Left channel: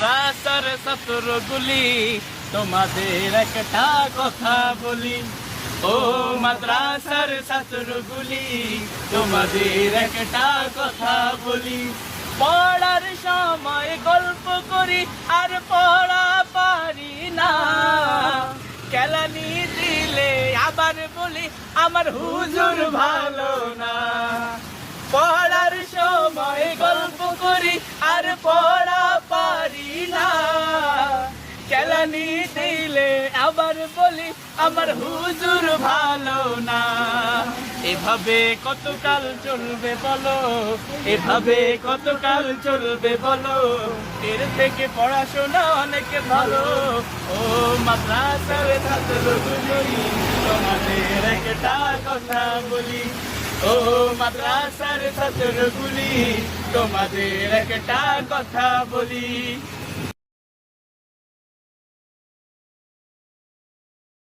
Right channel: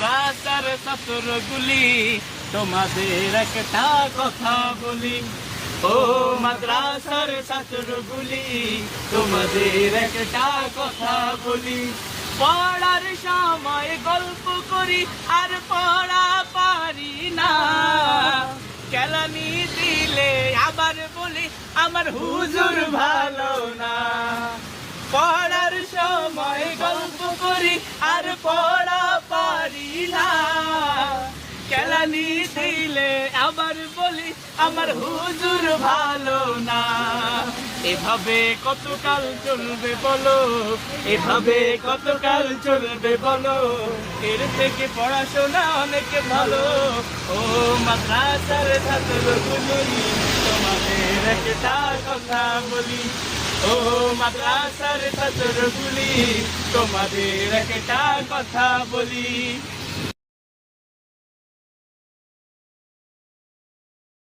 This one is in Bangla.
মাদ্রাসার ছাত্রগুলি তোমাদের একটা কথা বলি, ও মাদ্রাসার ছাত্রগুলি তোমাদের একটা কথা বলি। পড়ার সময় গল্প করি আর পড়া পারি না, কেলানি দিলে আবার বলি আমার হুজুর ভালো না। পড়ার সময় গল্প করি আর পড়া পারি না, কেলানি দিলে আবার বলি আমার হুজুর ভালো না। এভাবে কতকাল চলবে বলো, এভাবে কতকাল চলবে বলো, এর থেকে পড়াশোনা অনেক ভালো। ও মাদ্রাসার ছাত্রগুলি তোমাদের একটা কথা বলি, ও মাদ্রাসার ছাত্রগুলি তোমাদের একটা কথা বলি।